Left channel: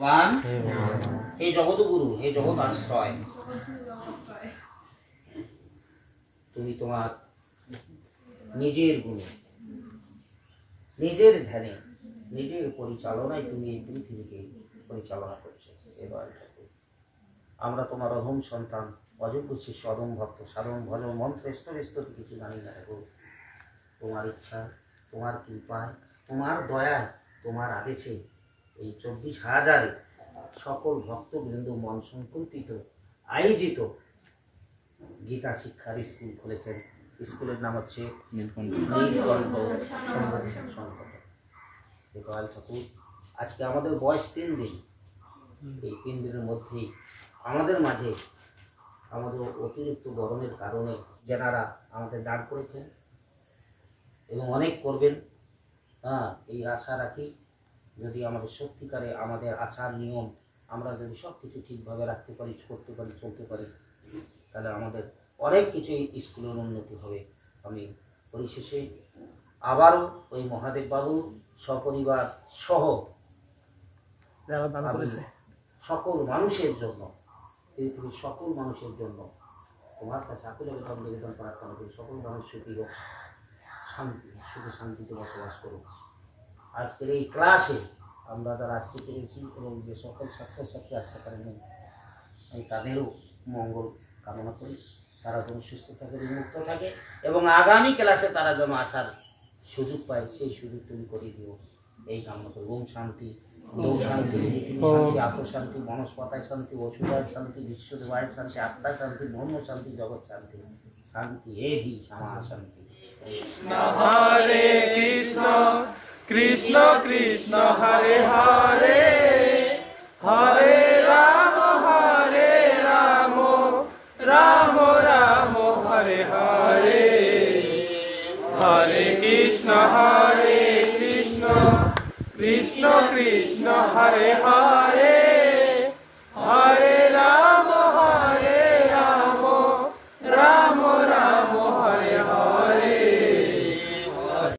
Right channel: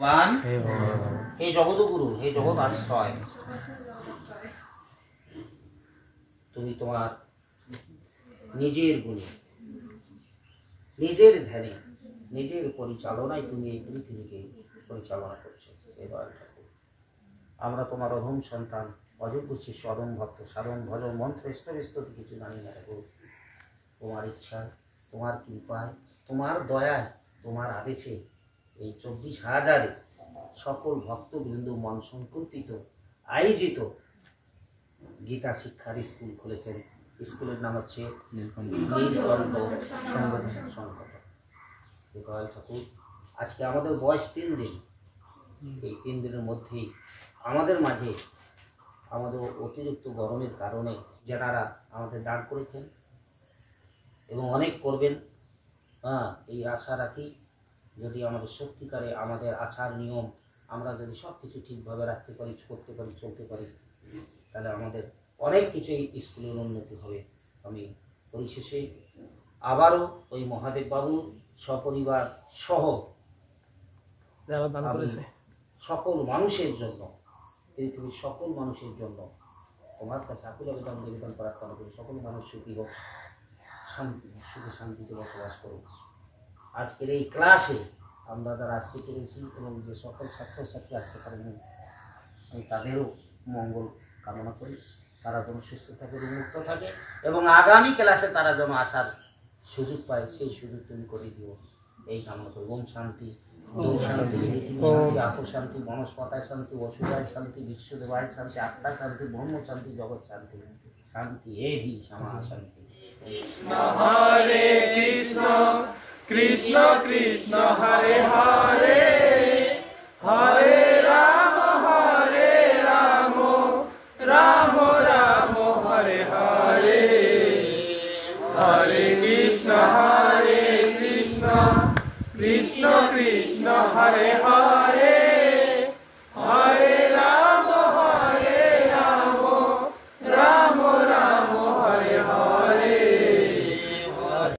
ভগবান হে জগৎগুরু, হে জগৎ আশ্রয়, তুমি তোমার নিজের গুণে, নিজের ধ্যানে, নিজের পরিচালনায় তুমি এই পৃথিবীকে পরিচালনা করছো। এবার আমরা তোমার অধম সন্তান, অযোগ্য শিষ্য, অধম ভক্ত, সাধন ভজন মন্ত্র স্তরে স্তরে কিছু জানি না। দেখো তোমার ইচ্ছা, তোমার কৃপায়, তোমার দয়ায়, তোমার আদেশে এই 24,000 সকল ভক্তবৃন্দ মন সংকল্পিত আয়োজিত গীতা শিক্ষার স্কুল খুলেছেন। স্কুলের নাম হচ্ছে নীলকণ্ঠ সংগঠন। গোপাল ঠাকুর, আজকে আমাদের বয়স 3 দিন। এই 3 দিনের মধ্যেই আমাদের মাঝে আমাদের অতিরিক্ত গরমের কারণে যারা আমাদের দান করেছেন এবং অনেক করবেন, এই আশা রাখি যদি আমাদের সত্যিকারে আমাদের আচার নিয়ম আমরা যদি সব কিছু ঠিকভাবে রাখতে পারি, করতে পারি, চলতে পারি, তাহলে আমাদের অনেক কিছুই স্কুলের উন্নতি হবে। আমি পরিশেষে আবারও ওই মহাদেব বাবু সপরিবার সহ সকল মানুষের জন্য, পৃথিবীর সকল মানুষের জন্য তোমার কাছে আকুল আবেদন প্রার্থনা করি। সকল মানুষ সুখী হোক, শান্তি, সুখে শান্তিতে বসবাস করুক। আজকের এই ক্লাসে আমরা যারা আসতে পেরেছি এবং যে সকল ছাত্রছাত্রী আসতে পারেনি, আমি তাদেরও মঙ্গল কামনা করি। তারা যেন সুস্থ থাকে, মুক্ত থাকে এবং আগামী ক্লাসে তারা যেন আসার সুযোগ পায়, সেই সুযোগ তুমি করে দিও, এই কামনা করি। ওম শান্তি, ওম শান্তি, পৃথিবী শান্তি, আত্ম শান্তি, বনস্পতায় শান্তি, অসুরায় শান্তি, বিশ্বদেবায় শান্তি, আত্মা শান্তি, ব্রহ্ম শান্তি, জগৎ শান্তি, শান্তি এ হি সমা শান্তি। হরে কৃষ্ণ কৃষ্ণ কৃষ্ণ হরে হরে, হরে রাম রাম রাম হরে হরে, হরে কৃষ্ণ কৃষ্ণ কৃষ্ণ হরে হরে, হরে